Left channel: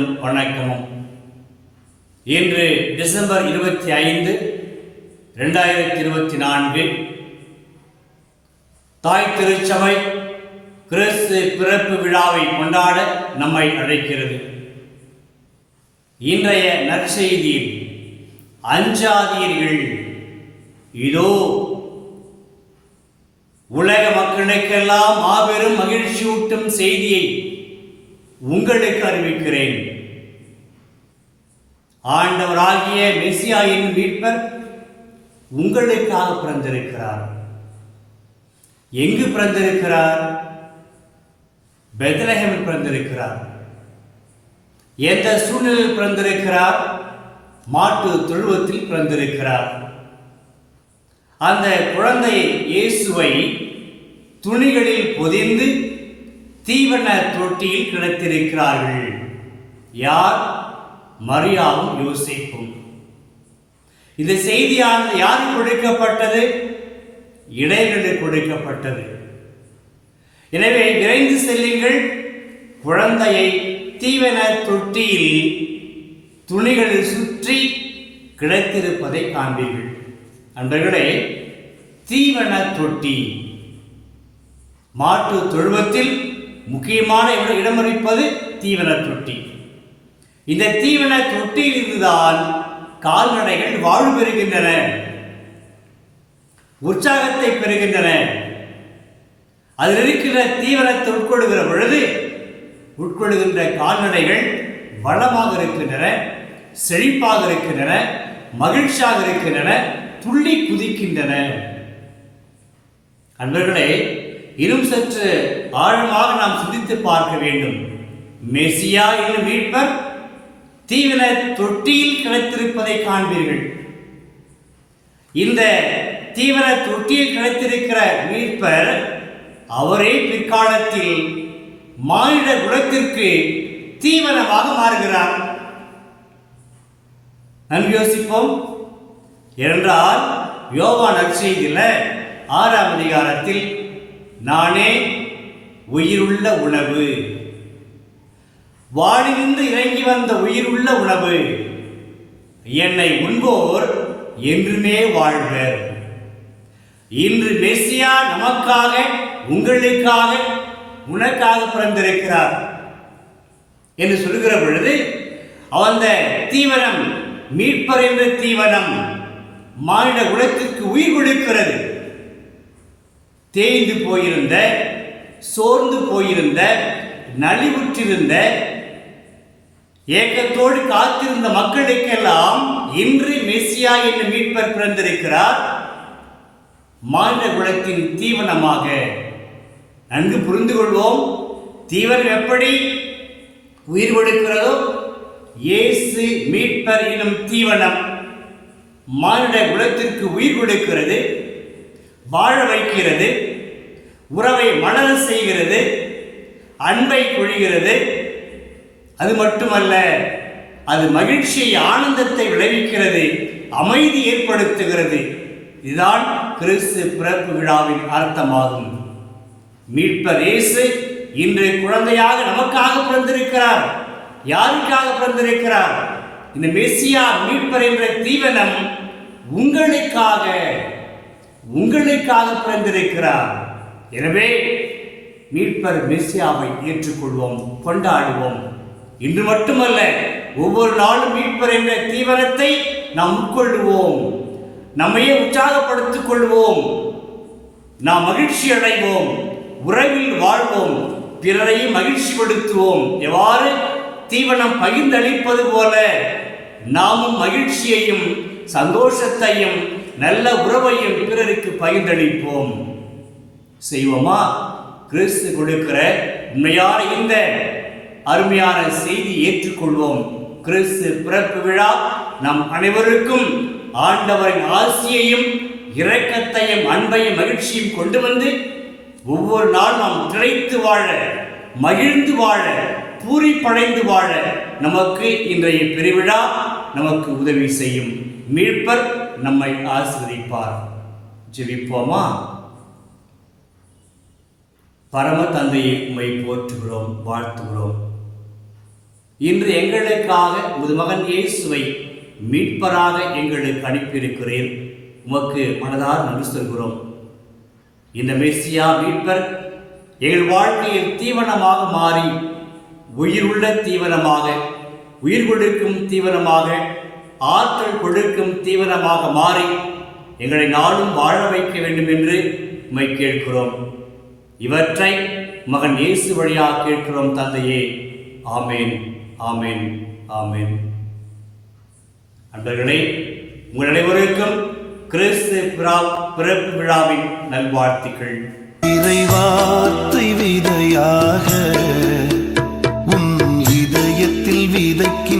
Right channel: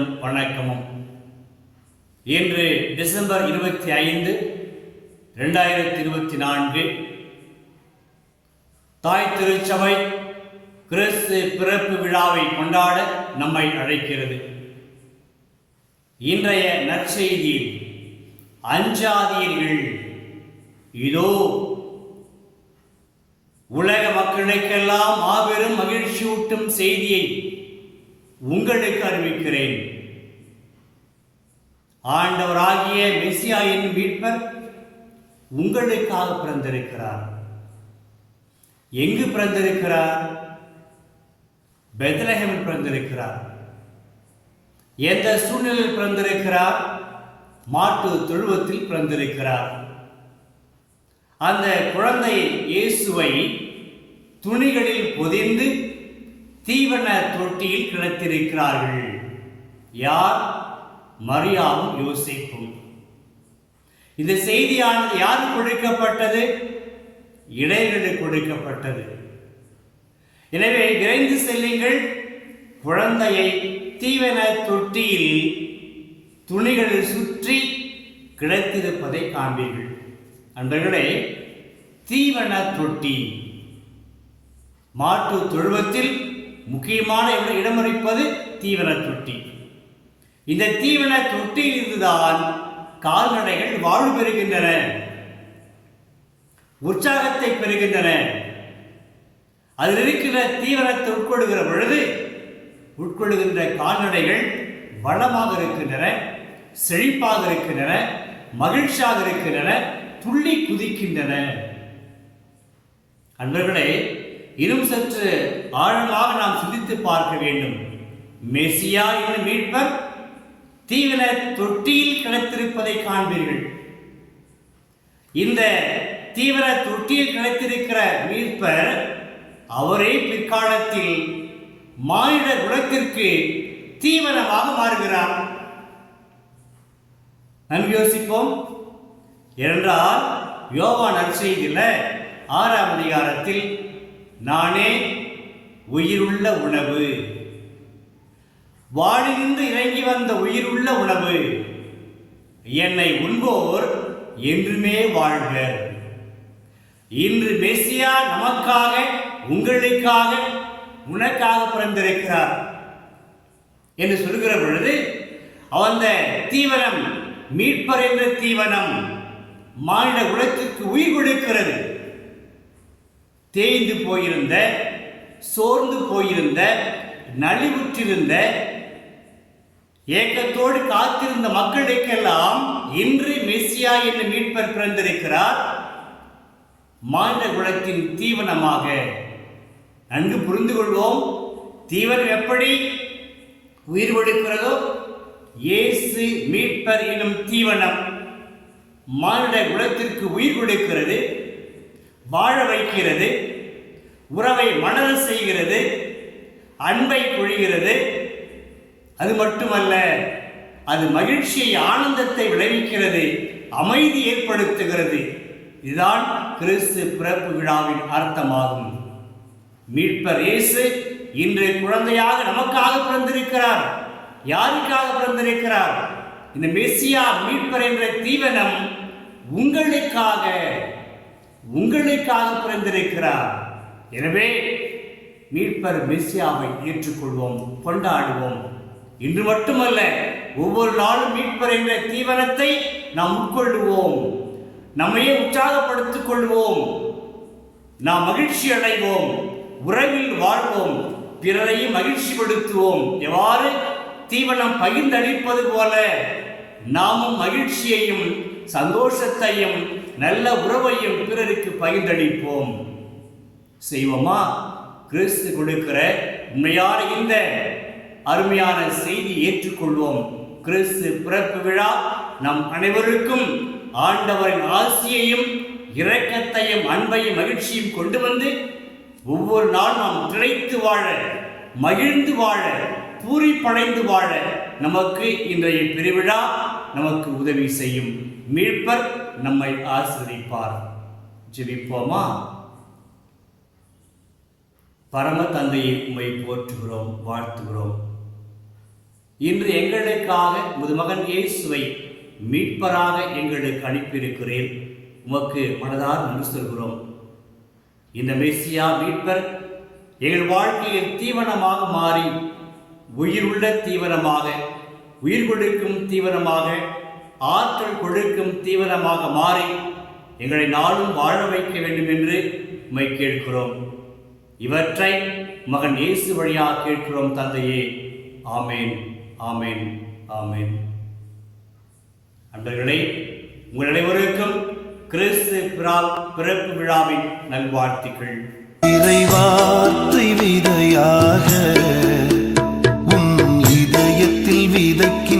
வாழ்த்துக்களும் வணக்கமும். இன்று டிசம்பர் 25, 2024 தாய் திருச்சபை கிறிஸ்து பிறப்பு விழாவை கொண்டாட நம்மை அழைக்கிறது. இன்றைய நற்செய்தியில் அஞ்சாதீர்கள், இதோ உலக மக்களுக்கெல்லாம் மாபெரும் மகிழ்ச்சியூட்டும் செய்தியை உங்களுக்கு அறிவிக்கிறேன். ஆண்டவராகிய மெசியாயின் மீட்பர் உங்களுக்காக பிறந்திருக்கிறார். எங்கு பிறந்திருக்கிறார்? பெத்லஹேமில் பிறந்திருக்கிறார். எந்த சூழ்நிலையில் பிறந்திருக்கிறார்? மாட்டு தொழுவத்தில் பிறந்திருக்கிறார். அந்த குழந்தை இயேசுவை துணிகளில் பொதிந்து தீவன தொட்டியில் கிடத்திருக்கிறார்கள். யார்? மரியாவும் யோசேப்பும். இந்த செய்தியானது யாருக்கு கொடுக்கப்பட்டது? இடையர்களுக்கு கொடுக்கப்பட்டது. எனவே விரைந்து செல்லுங்கள், குழந்தையை தீவன தொட்டியில் துணிகளில் சுற்றி கிடத்திருப்பதை காண்பீர்கள். அன்பர்களே, தீவன தொட்டி மாட்டு தொழுவத்தில் முக்கியமான இடமளிப்பது தீவன தொட்டி. இந்த தீவன தொட்டியில் இருந்துதான் கால்நடைகள் வாழ்வு பெறுகின்றன, உற்சாகத்தை பெறுகின்றன. அதில் இருக்கிற தீவனத்தை உட்கொள்கிற பொழுது உட்கொள்கின்ற கால்நடைகள் வளமாக இருக்கின்றன, செழிப்பாக இருக்கின்றன, மகிழ்ச்சியாக இருக்கின்றன, துள்ளி குதிக்கின்றன. அன்பர்களே, இன்னும் சற்று ஆழமாக நாம் சிந்தித்து பார்க்க வேண்டும். மெசியா என்னும் மீட்பர் தீவன தொட்டியில் கிடைத்திருப்பதை காண்பீர்கள். இந்த தீவன தொட்டியில் கிடைத்திருக்கிற மீட்பர் அவரே பிற்காலத்தில் மானிட குலத்திற்கு தீவனமாக மாறுகிறார். நன்கு யோசிப்போம். என்றால் யோவான் நற்செய்தியில் 6ஆம் அதிகாரத்தில் நானே உயிருள்ள உணவு, வானிலிருந்து இறங்கி வந்த உயிருள்ள உணவு, என்னை உண்போர் என்றுமே வாழ்வர். இன்று மெசியா நமக்காக, உங்களுக்காக, உனக்காக பிறந்திருக்கிறார் என்று சொல்கிற பொழுது அந்த தீவனம், மீட்பர் என்ற தீவனம் மானிட குலத்திற்கு உயிர் கொடுக்கிறது. தேய்ந்து போயிருந்த, சோர்ந்து போயிருந்த, நலிவுற்றிருந்த, ஏக்கத்தோடு காத்திருந்த மக்களுக்கெல்லாம் இன்று மெசியா என்ற மீட்பர் பிறந்திருக்கிறார், மானிட குலத்தின் தீவனமாக. நன்கு புரிந்து கொள்வோம். தீவனம் எப்படி உயிர் கொடுக்கிறதோ, இயேசு மீட்பர் எனும் தீவனம் மானிட குலத்திற்கு உயிர் கொடுக்கிறது, வாழ வைக்கிறது, உறவை மலர செய்கிறது, அன்பை பொழிகிறது. அது மட்டுமல்ல, அது மகிழ்ச்சியை, ஆனந்தத்தை விளைவிக்கிறது, அமைதி ஏற்படுத்துகிறது. இதுதான் கிறிஸ்து பிறப்பு விழாவின் அர்த்தமாகும். மீட்பர் இயேசு இன்று குழந்தையாக நமக்காக பிறந்திருக்கிறார். யாருக்காக பிறந்திருக்கிறார்? இந்த மெசியா மீட்பர் என்ற தீவனம் உங்களுக்காக பிறந்திருக்கிறார். எனவே மீட்பர் மெசியாவை ஏற்றுக்கொள்வோம், கொண்டாடுவோம். இன்று மட்டுமல்ல, ஒவ்வொரு நாளும் மீட்பர் என்ற தீவனத்தை நாம் உட்கொள்ளுவோம், நம்மையே உற்சாகப்படுத்திக் கொள்வோம், நாம் மகிழ்ச்சி அடைவோம், உறவில் வாழ்வோம், பிறரையும் மகிழ்ச்சி படுத்துவோம். எவ்வாறு தீவனம் பகிர்ந்தளிப்பது போல நாமும் மகிழ்ச்சியையும் சந்தோஷத்தையும் நல்ல உறவையும் பிறருக்கு பகிர்ந்தளிப்போம். செய்வோமா? கிறிஸ்து கொடுக்கிற உண்மையான இந்த அருமையான செய்தி ஏற்றுக்கொள்வோம். கிறிஸ்து பிறப்பு விழா நம் அனைவருக்கும் ஆண்டவரின் ஆசியையும் இரக்கத்தையும் அன்பையும் மகிழ்ச்சியும் கொண்டு வந்து ஒவ்வொரு நாள் நாம் திளைத்து வாழ, மகிழ்ந்து வாழ, பூரிப்படைந்து வாழ நமக்கு இன்றைய பெருவிழா நமக்கு உதவி செய்யும். மீட்பர் நம்மை ஆசீர்வதிப்பார். ஜெபிப்போமா? பரம தந்தையை உம்மை போற்றுகிறோம், வாழ்த்துகிறோம். இன்று எங்களுக்காக உமது மகன் இயேசுவை மீட்பராக எங்களுக்கு அனுப்பியிருக்கிறீர். உமக்கு மனதார் நன்றி சொல்கிறோம். இந்த மெசியா மீட்பர் எங்கள் வாழ்க்கையில் தீவனமாக மாறி உயிருள்ள தீவனமாக, உயிர் கொடுக்கும் தீவனமாக, ஆற்றல் கொடுக்கும் தீவனமாக மாறி எங்களை நாளும் வாழ வைக்க வேண்டும் என்று உம்மை கேட்கிறோம். இவற்றை மகன் இயேசு வழியாக கேட்கிறோம் தந்தையே. ஆமேன், ஆமேன், ஆமேன். அன்பர்களே, உங்கள் அனைவருக்கும் கிறிஸ்து பிறப்பு விழாவின் நல்வாழ்த்துக்கள். இறைவார்த்தை விதையாக உன் இதயத்தில் விதைக்கின்ற